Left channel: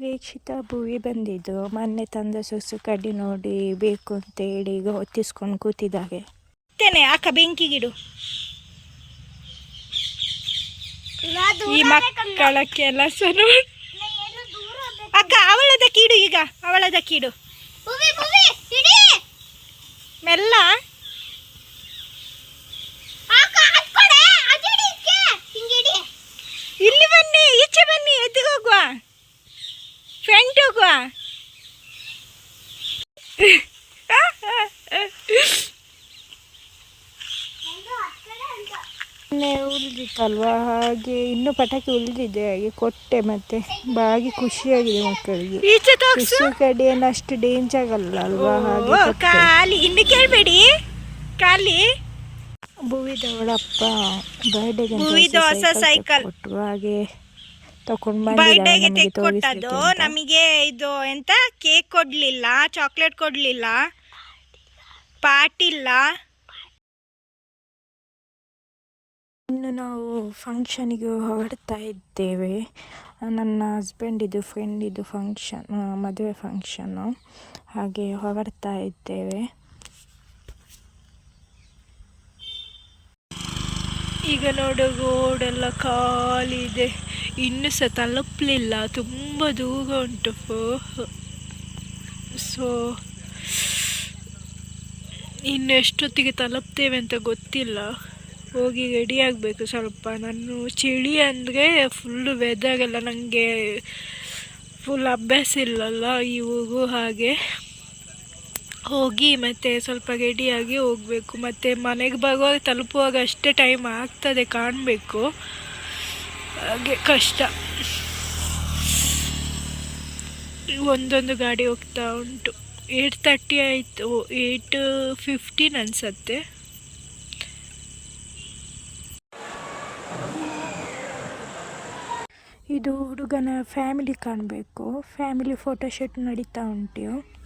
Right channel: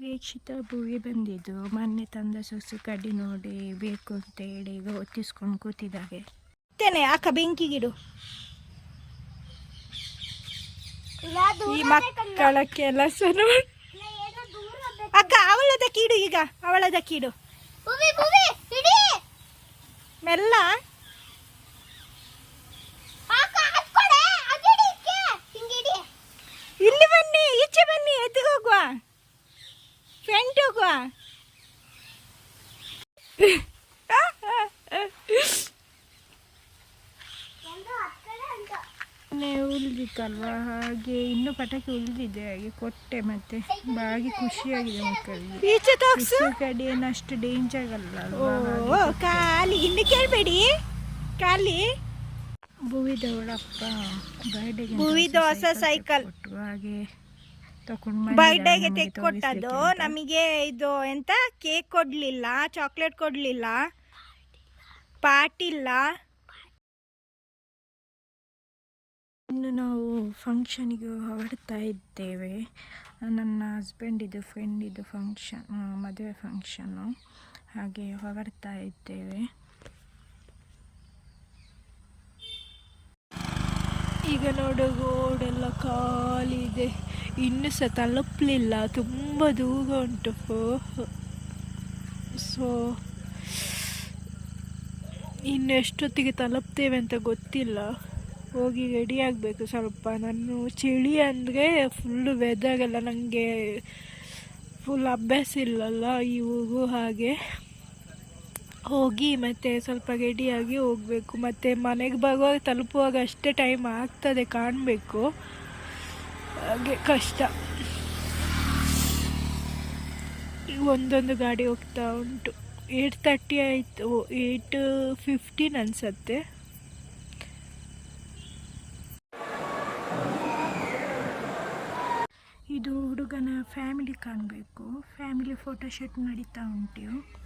ಪ್ರೇಕ್ಷಿತ ಭುವಿ ಬಂದಿದ್ದು ಮೊನ್ನೆ ತಂದ ಸೊಸು ಕಡ್ಡಿ ನೋಡಿ ಬೇಕು ಅಂತೇಳಿ ಈಗ ಹೊತ್ತಿಸ್ಕೊಂಡು ಕೂತಿದ್ದಾವೆ ತೇನೆ ಅಕ್ಕ ಬೆಂಕಿಗಿಡು. ಈ ಮಕ್ಕಳ ಕೆಲಸ ಅಕ್ಕ ಅವಳದ ಕೀಡು ಈಗ ಅವಳದ ಕೀಡು. ಫ್ರಂಟ್ ಹೋಗುವ ಉಳಿದಿತ್ತಲ್ವಾ? ಹಾಗೆ ಇನ್ನೂ ಪಟಾಕಿ ಉಳಿದಿದೆ. ಹಾಗೆ ಕೊಟ್ಟೆ ಮತ್ತೆ. ಬಾಗಿ ಖುಷಿಯಾಗಿದೆ ಮಕ್ಕಳಿಗೆ. ಕಡೆ ಏನು ಅಷ್ಟು ಡೇಂಜ್ ಆಗಲ್ಲ ಅಲ್ವಾ? ಖಾಲಿ. ಇನ್ನು ಕೇಳಬೇಡಿ. ಖಾಲಿ. ಭುವಿದವಳಪ್ಪ ಬರ್ಡೇಗೆ ಭುವಿದು ಹೊಸ ಸೈಕಲ್. ಕೊಟ್ಟರು ಹಾಗೆ ತಗೊಂಡು ಬರ್ಡೇಗೆ ತೆಕ್ಕೊಟ್ಟದ್ದು ನಮಗೆ ಇದು ಎಂತ? ಕೇಕ್ ಕೊಡ್ಲಿಲ್ಲ ಚಾಕ್ಲೇಟ್ ಕೊಡ್ಲಿಲ್ಲ ಪಾಟಿಲ್ಲ. ಇನ್ನು ನಾವು ಫಂಕ್ಷನಿಗೆ ಹೊರಡ್ತಾ ಇದ್ದೇವೆ. ನನ್ನ ಹಸ್ಬೆಂಡಿದು ಫ್ರೆಂಡಿದು ಫಂಕ್ಷನ್ ಮದುವೆ ಫಂಕ್ಷನ್ನು ಹಾಗೆ ಹೊರಡ್ತಾ ಇದ್ದೇವೆ. ಈಗ ನೋಡು ರೋಡೆಲ್ಲ ಖಾಲಿ ಇದೆ ಇನ್ನು ಸಹ ತಲುಪಲಿಲ್ಲ. ತುಂಬ ದೂರ ಉಂಟು. ಸೊ, ಇನ್ನು ಎಷ್ಟೊತ್ತಿಗೆ ತಲುಪ್ತೇವೆ ಅಂತ ಗೊತ್ತಿಲ್ಲ. ಹೋಗಿ ರೆಡಿ ಆಗಬೇಕು ಸ್ವಲ್ಪ. ನಾನು ಚಳಿ ಅಂದರೆ ಫುಲ್ಲು ವೆದರ್ ಎಲ್ಲ ನನಗೆ ಫುಲ್ ಅಭ್ಯಾಸ ಇಲ್ಲಲ್ಲ ಈ ಊರು ಹಾಗೆ. ಹೋಗಿ ಮತ್ತೆ ಸ್ವಲ್ಪ ರೆಡಿಯಾಗಿ ಹೋಗಬೇಕು. ಮತ್ತು ಮನೆಗೆ ಬರುವಾಗ ತಲುಪುವಾಗ ಅಷ್ಟೇ ಟೈಮ್ ಆಗ್ತದೆ ಕಾಣಬೇಕು. ಹಾಗೆ ಕಷ್ಟ. ಒಂದೊಂದು ಗಾಡಿ ಹೋಗ್ತಾ ಉಂಟು. ಏಯ್ಟ್ ತರ್ಟಿ ಆಯಿತು. ಏಯ್ಟ್ ಫಿಫ್ಟೀನ್ ಅನಿಸತ್ತೆ. ಇದು ಹುಡುಗನ ಫ್ಯಾಮಿಲಿ ಕಾಣಬೇಕು. ಫ್ಯಾಮಿಲಿ ಫೋಟೋಶೂಟ್ ನಡೀತಾ ಉಂಟು.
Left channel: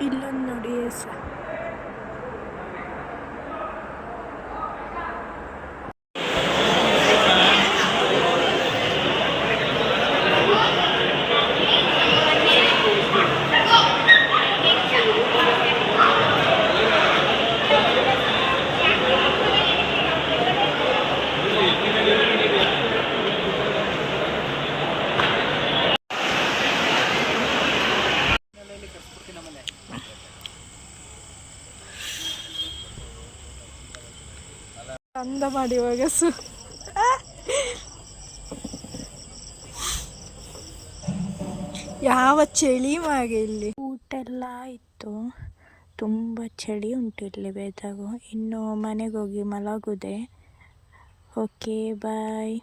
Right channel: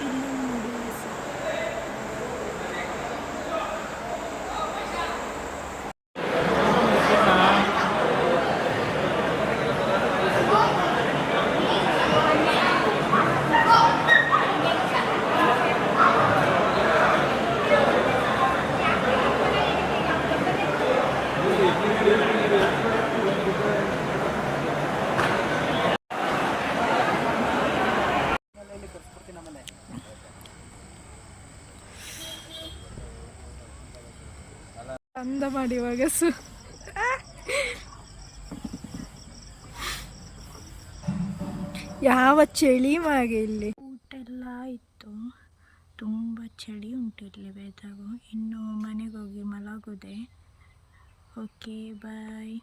illan na bênção. ಅಂದ ಮಾಡಿ ಇವಾಗ ಸು. ಯಾವ ಚಳಿ ಮಾಗೆ ಇಲ್ಲಿ? ಊಟ ಎಲ್ಲ ಆಯಿತು. ತುಂಬ ಚಳಿ ಉಂಟು ಇಲ್ಲಿ ಬೇದಾಗ ಇನ್ನು ಮನೆಗೆ ಹೋಗಿ ಮಲಗುದೆ. Okay bye